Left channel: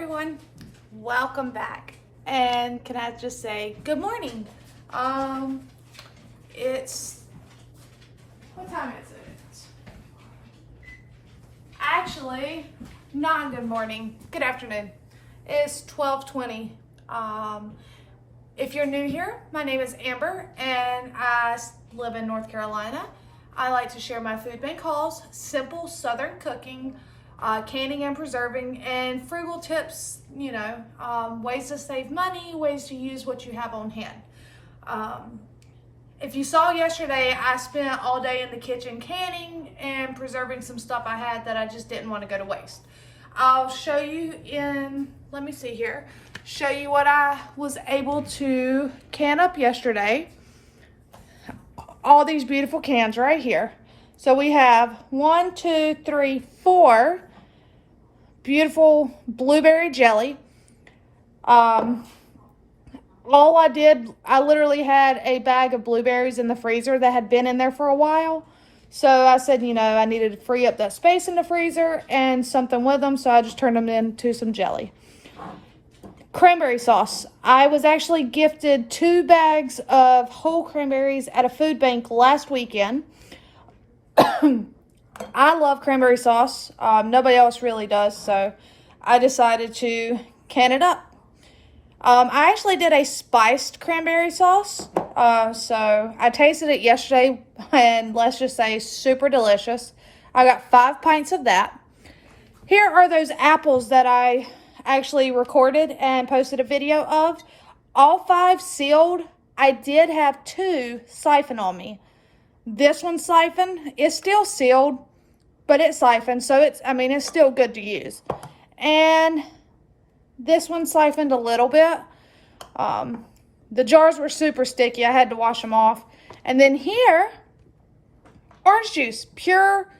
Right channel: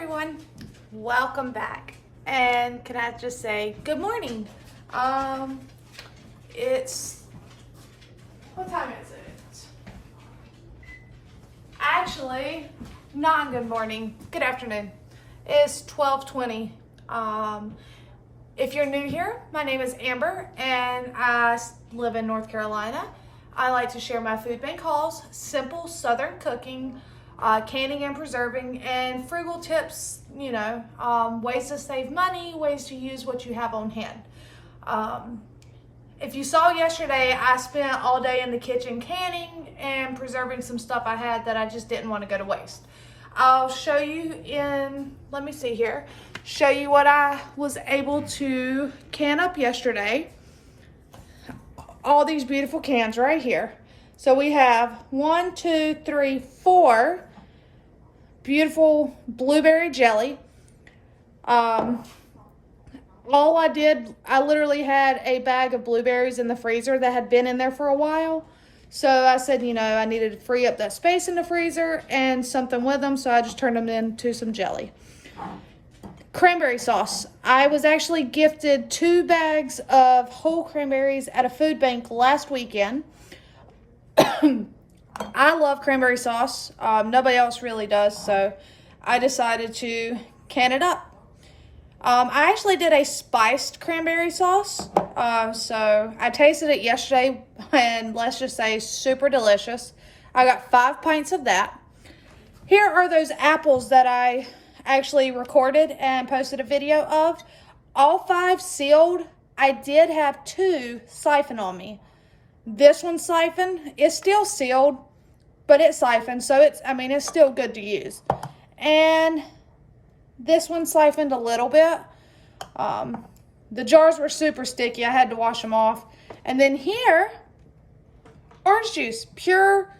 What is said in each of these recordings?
everyone, welcome back. And can I just say good morning? It's, what time is it? Actually, not good morning, good afternoon. It's 12:20. If you're new here, my name is Amber and I live in North Carolina. I like to share my food bank hauls, simple Southern cooking, canning and preserving, and frugal tips, ways to save money, ways to use what you have on hand. If you saw yesterday, I spent all day in the kitchen canning and preserving some stuff I had that I just didn't want to go to waste. I'll show you show you what I was able to can up yesterday. All these beautiful cans right here. So we have 1, 2, 3, 4 beautiful blueberry jelly. I literally had a bag of blueberries in the freezer that had been in there for a while. So I said, I needed to free up that space in the freezer and something with them. So I just turned them into some jelly. Cranberry sauce. I was actually gifted 2 bags of whole cranberries at a food bank last weekend. I love cranberry sauce. Nobody else really does, so I decided to can it up. I actually did a spiced cranberry sauce. So I tasted it yesterday, and let's just say super delicious. I got 5 pints of that. Here are those apples that I actually recorded and posted a video of. All 5 sealed. I did have 2 siphon on me. This one siphoned is still sealed, but it's siphoned, so it's still good to use. And this one siphoned a little bit. The jars were super sticky. I had to wash them off. And then here, orange juice, pure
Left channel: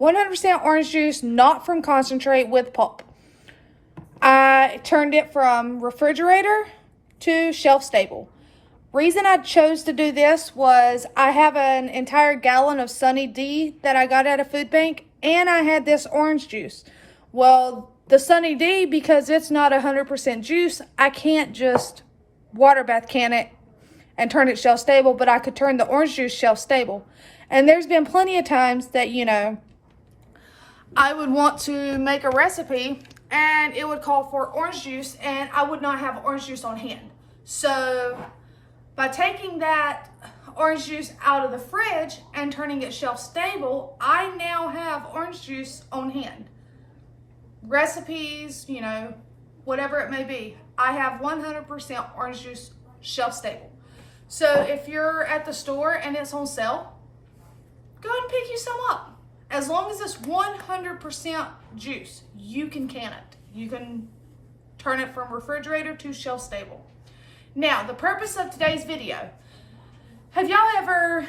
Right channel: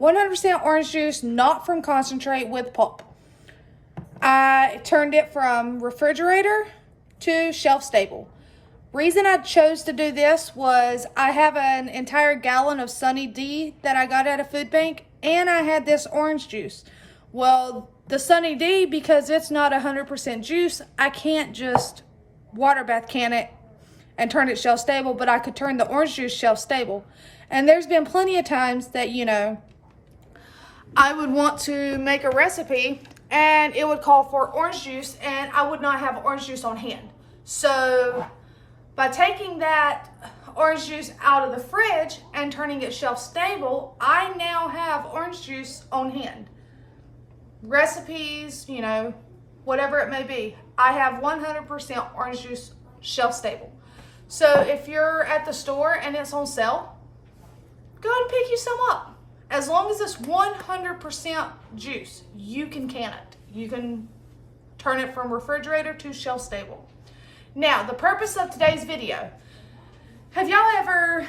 100% orange juice, not from concentrate, with pulp. I turned it from refrigerator to shelf stable. Reason I chose to do this was I have an entire gallon of Sunny D that I got at a food bank, and I had this orange juice. Well, the Sunny D, because it's not 100% juice, I can't just water bath can it and turn it shelf stable, but I could turn the orange juice shelf stable. And there's been plenty of times that, I would want to make a recipe and it would call for orange juice and I would not have orange juice on hand. So by taking that orange juice out of the fridge and turning it shelf stable, I now have orange juice on hand. Recipes, whatever it may be, I have 100% orange juice shelf stable. So if you're at the store and it's on sale, go ahead and pick you some up. As long as it's 100% juice, you can can it. You can turn it from refrigerator to shelf stable. Now, the purpose of today's video, have y'all ever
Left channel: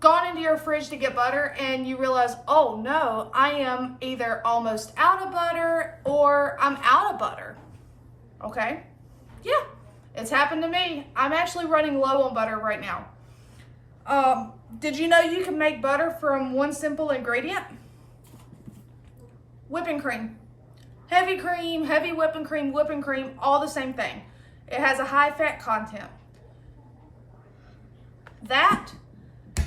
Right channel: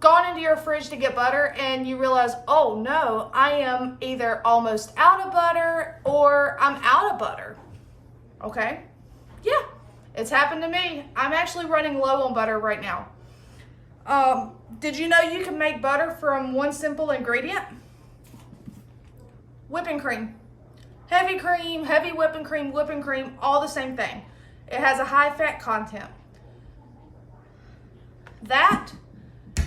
gone into your fridge to get butter and you realize, oh no, I am either almost out of butter or I'm out of butter? Okay, yeah, it's happened to me. I'm actually running low on butter right now. Did you know you can make butter from one simple ingredient? Whipping cream. Heavy cream, heavy whipping cream, all the same thing. It has a high fat content. That,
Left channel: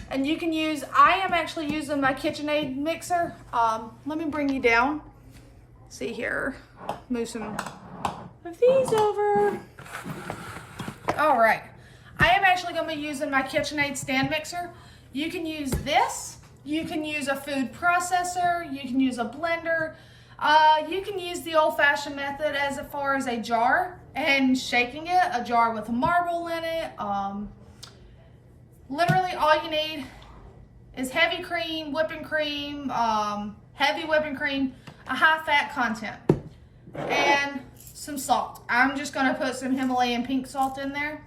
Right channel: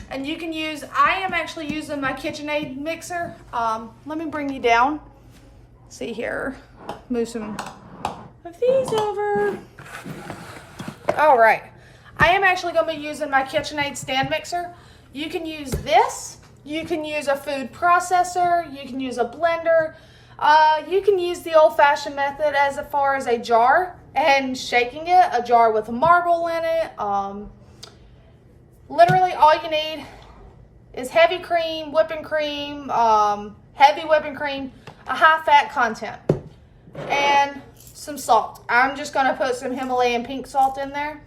and you can use, I am actually using my KitchenAid mixer. Let me bring you down. See here, move some of these over. All right, I am actually gonna be using my KitchenAid stand mixer. You can use this, you can use a food processor, you can use a blender, you can use the old-fashioned method as far as a jar and shaking it, a jar with a marble in it. Literally all you need is heavy cream, whipping cream, heavy whipping cream, a high fat content, and some salt. I'm just gonna put some Himalayan pink salt in there.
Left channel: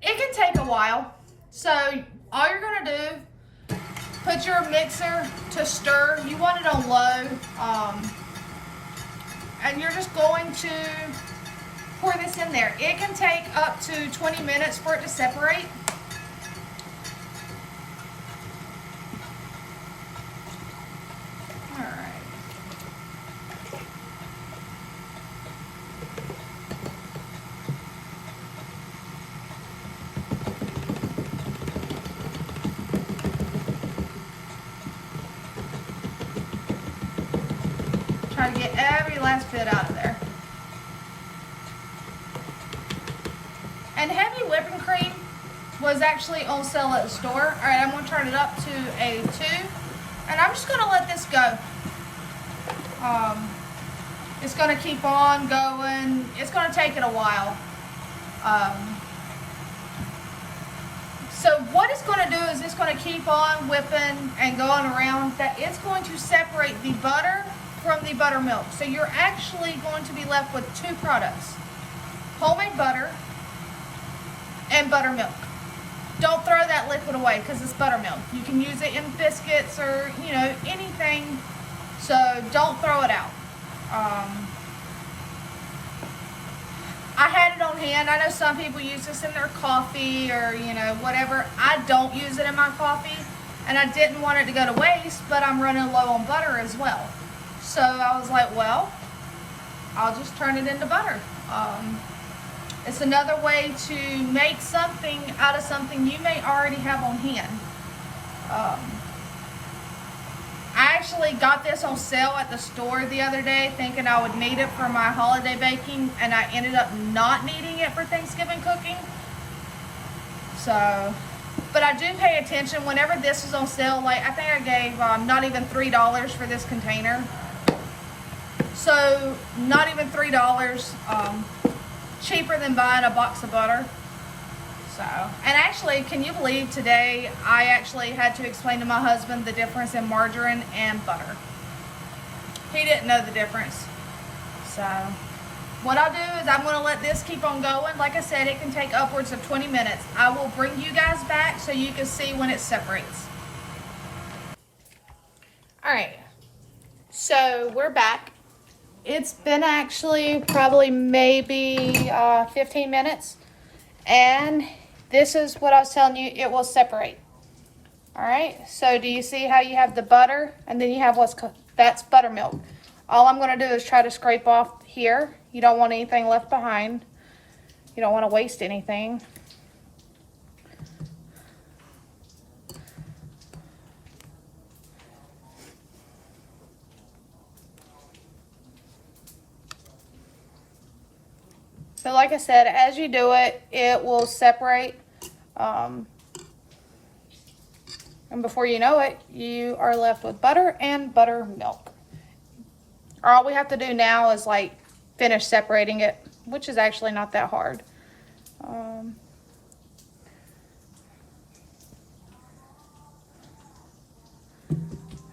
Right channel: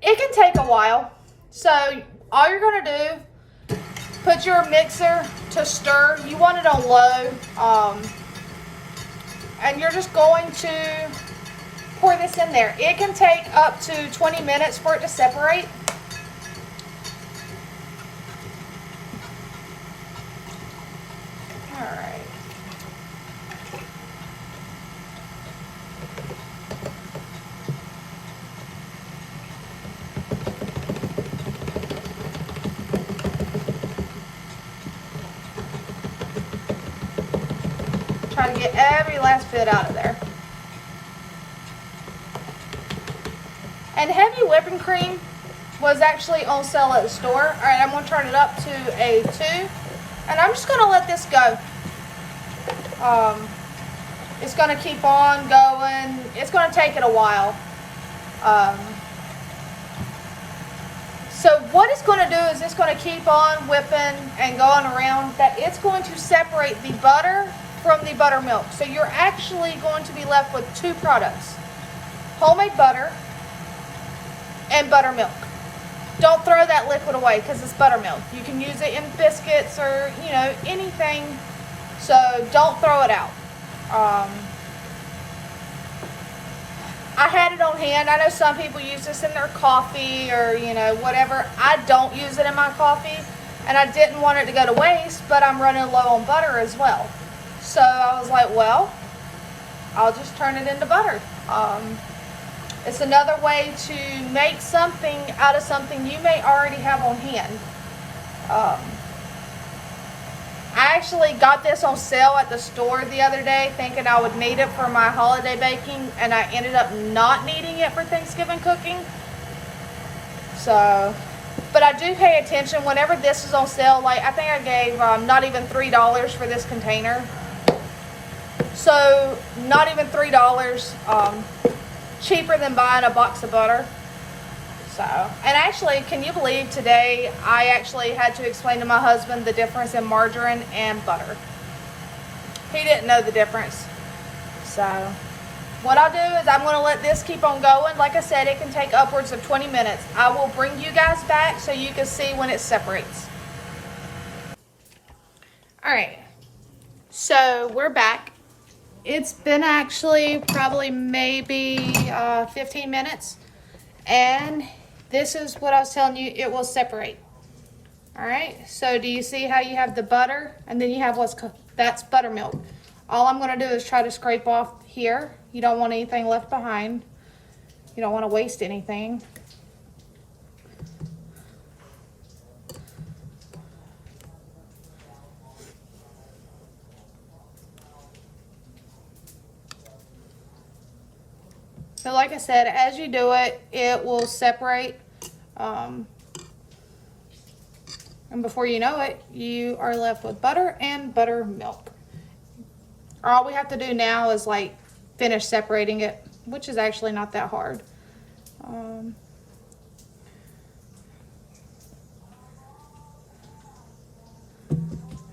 It can take a while, so all you're gonna do, put your mixer to stir. You want it on low, and you're just going to pour this in there. It can take up to 20 minutes for it to separate. All right. Try to get every last bit out of there. And heavy whipping cream was actually on sale at the store. All right, I'm gonna turn it up to a 2, and I'm just gonna let this go. It's gonna keep on going. It's gonna take it a while. So what it's gonna do is it's gonna keep on whipping and going around. That it's going to separate the butter from the buttermilk. So you're actually going to be left with 2 products: homemade butter and buttermilk. Don't throw that liquid away because it's buttermilk. You can use it in biscuits or, you know, anything. So don't throw it out. I had it on hand. I know some people use this in their coffee or, you know, whatever. I don't use it in my coffee, and I didn't want it to go to waste, but I'm running low on butter as well. So I was like, well, I'll just turn it into butter. It's another way to make something out of something you may already have on hand. I actually got this on sale at the store the other day thinking I would need it for my holiday baking, and I ended up not needing it for Thanksgiving cooking. So, but I do pay attention whenever this is on sale. Like, I think I gave not even $3 for this container. So, not even $3. Cheaper than buying a box of butter. So, and actually, can you believe today I actually had to explain to my husband the difference in margarine and butter. He didn't know the difference. So, what I'll do is I'm going to let this keep on going. Like I said, it can take upwards of 20 minutes. I will bring you guys back so you can see when it separates. Alright, so we're back. It's been actually probably maybe 15 minutes. And this is what I was telling you, it will separate. Alright, so do you see how you have the butter and then you have that's buttermilk. All I'm going to do is try to scrape off here. You don't want anything left behind. You don't want to waste anything. So like I said, as you do it, it will separate. And before you know it, you are left with butter and buttermilk. All we have to do now is like finish separating it, which is actually not that hard.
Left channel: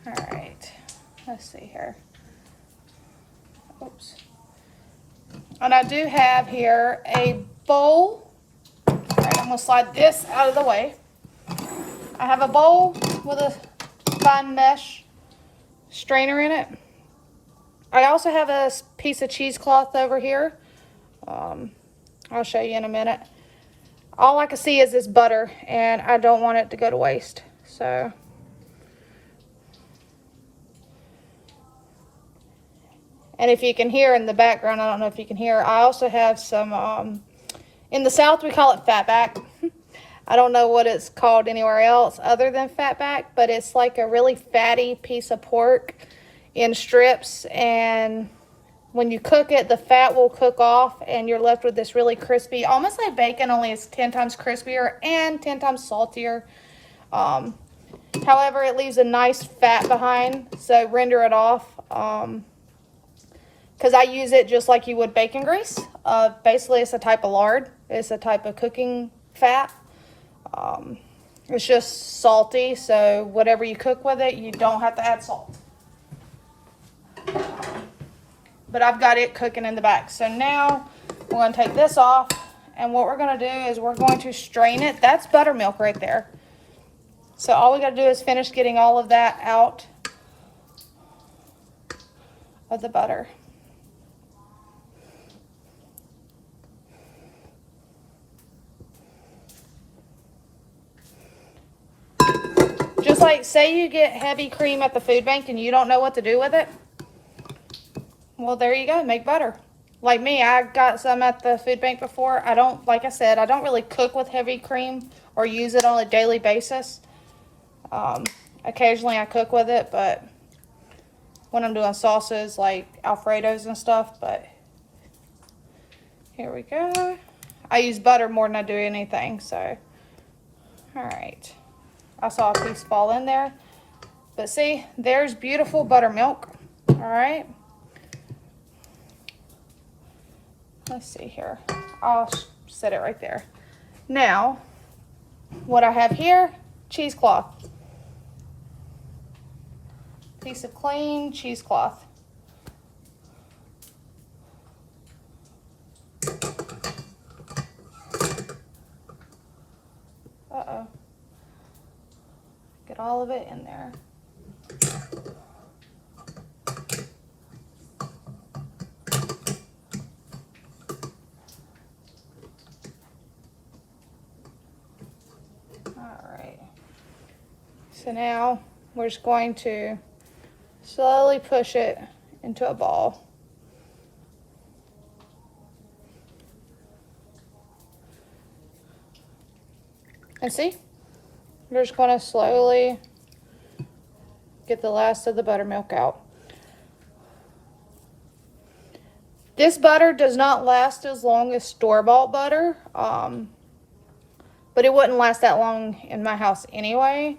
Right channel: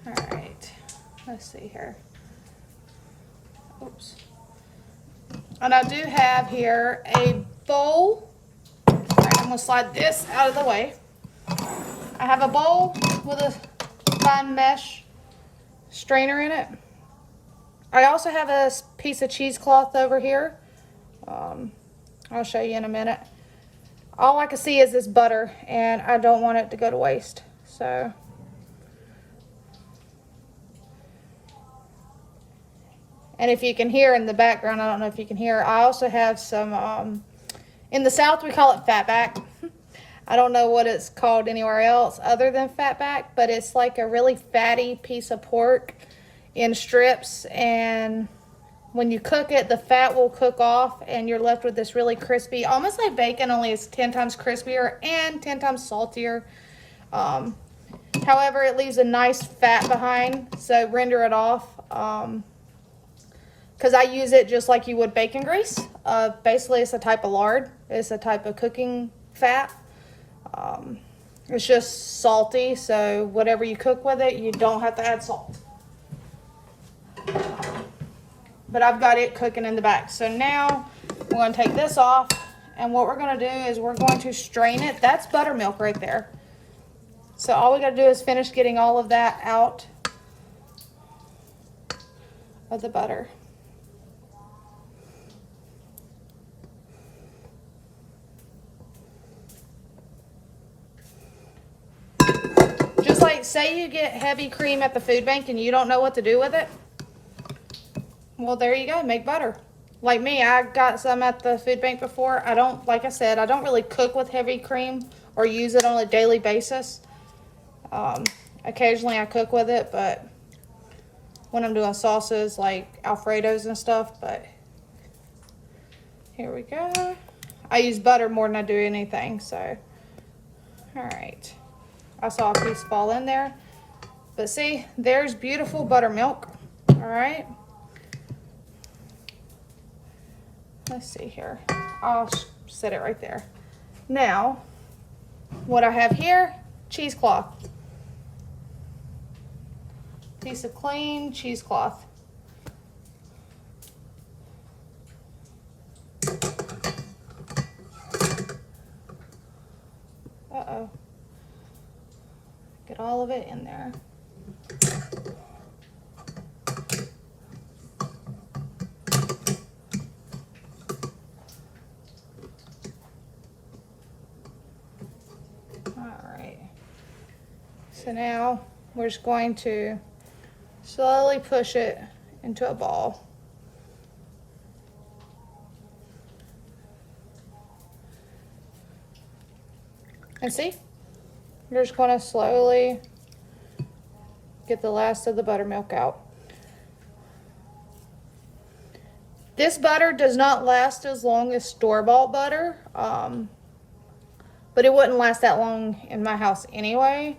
Alright, let's see here. Oops. And I do have here a bowl. Alright, I'm going to slide this out of the way. I have a bowl with a fine mesh strainer in it. I also have a piece of cheesecloth over here. I'll show you in a minute. All I can see is this butter, and I don't want it to go to waste. So, and if you can hear in the background, I don't know if you can hear, I also have some, in the South we call it fatback. I don't know what it's called anywhere else other than fatback, but it's like a really fatty piece of pork in strips, and when you cook it, the fat will cook off and you're left with this really crispy, almost like bacon, only it's 10 times crispier and 10 times saltier. However, it leaves a nice fat behind, so render it off. Because I use it just like you would bacon grease. Basically, it's a type of lard. It's a type of cooking fat. It's just salty, so whatever you cook with it, you don't have to add salt. But I've got it cooking in the back. So now we're going to take this off, and what we're going to do is we're going to strain it. That's buttermilk right there. So all we got to do is finish getting all of that out of the butter. Just like, say you get heavy cream at the food bank and you don't know what to do with it. Well, there you go, make butter. Like me, I got some at the food bank before. I don't, like I said, I don't really cook with heavy cream or use it on a daily basis. Occasionally I cook with it, but when I'm doing sauces like Alfredos and stuff, but here we go. I use butter more than I do anything, so. All right. I saw a piece fall in there. But see, there's beautiful buttermilk. All right. Let's see here. I'll set it right there. Now, what I have here, cheesecloth. Piece of clean cheesecloth. Uh-oh. Get all of it in there. Alright. So now we're just going to slowly push it into a ball. And see, you're just going to slowly get the last of the buttermilk out. This butter does not last as long as store-bought butter, but it wouldn't last that long in my house anyway.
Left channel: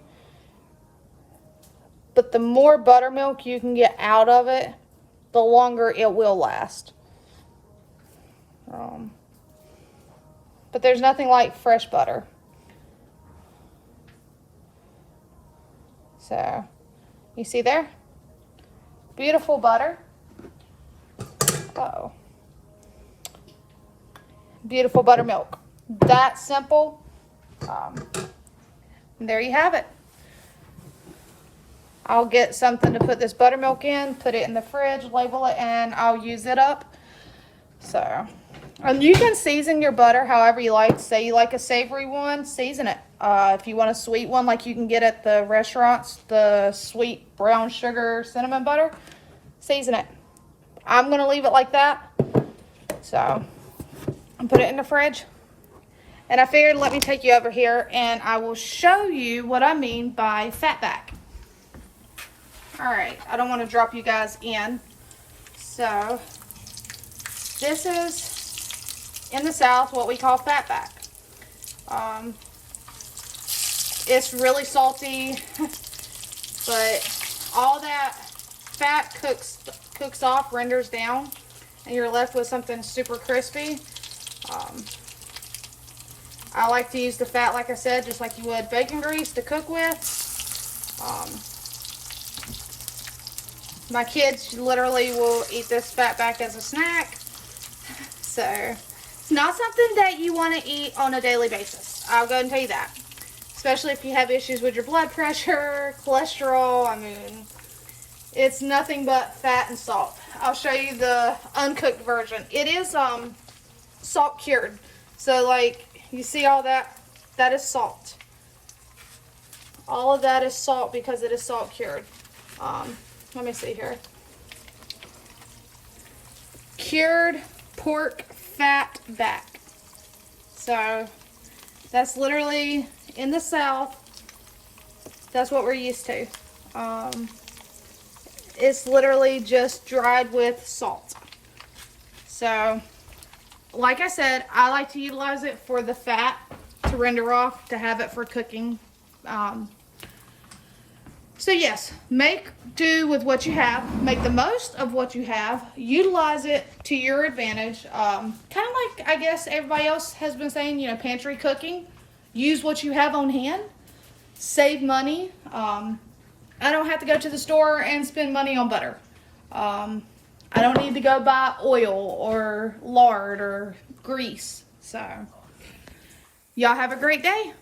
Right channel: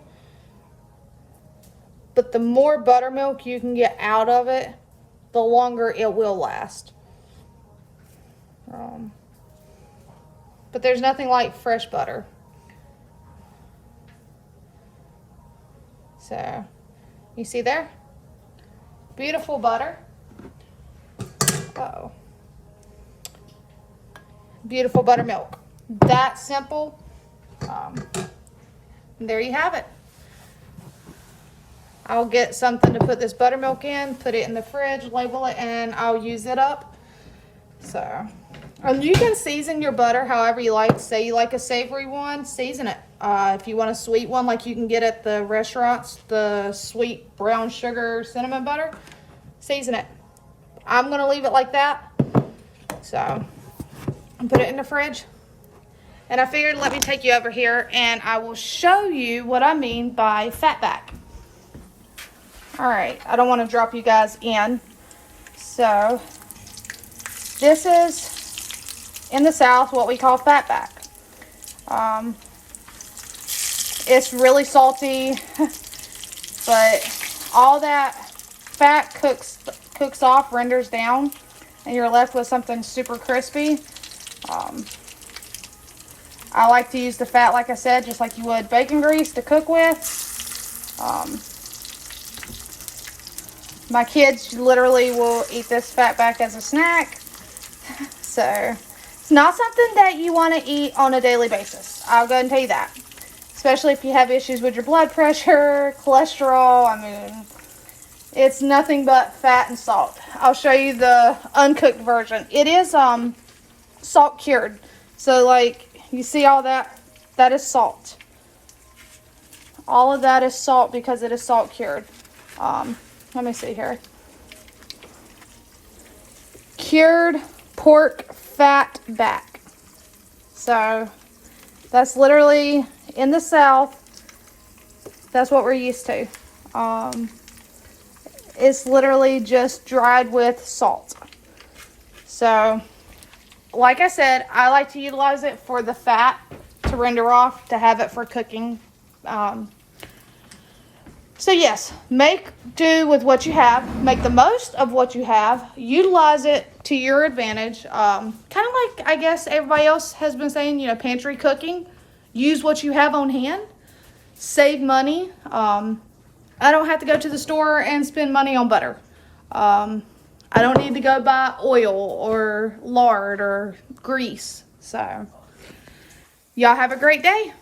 But the more buttermilk you can get out of it, the longer it will last. But there's nothing like fresh butter. So, you see there? Beautiful butter. Uh-oh. Beautiful buttermilk. That simple. There you have it. I'll get something to put this buttermilk in, put it in the fridge, label it, and I'll use it up. So, you can season your butter however you like. Say you like a savory one, season it. If you want a sweet one like you can get at the restaurants, the sweet brown sugar cinnamon butter, season it. I'm going to leave it like that. So, and put it in the fridge. And I figured let me take you over here and I will show you what I mean by fatback. Alright, I don't want to drop you guys in. So, this is in the South what we call fatback. It's really salty, but all that fat cooks off, renders down, and you're left with something super crispy. I like to use the fat, like I said, just like you would bacon grease to cook with. My kids literally will eat this fatback as a snack. So, it's not something that you want to eat on a daily basis. I'll go and tell you that. Especially if you have issues with your blood pressure, cholesterol. I mean, it's nothing but fat and salt. I'll show you the uncooked version. It is salt cured. So, like, you see all that? That is salt. All of that is salt because it is salt cured. Let me see here. Cured pork fat back. So, that's literally in the South. That's what we're used to. It's literally just dried with salt. So, like I said, I like to utilize it for the fat to render off, to have it for cooking. So yes, make do with what you have. Make the most of what you have. Utilize it to your advantage. Kind of like, I guess, everybody else has been saying, you know, pantry cooking. Use what you have on hand. Save money. I don't have to go to the store and spend money on butter. I don't need to go buy oil or lard or grease. So, y'all have a great day.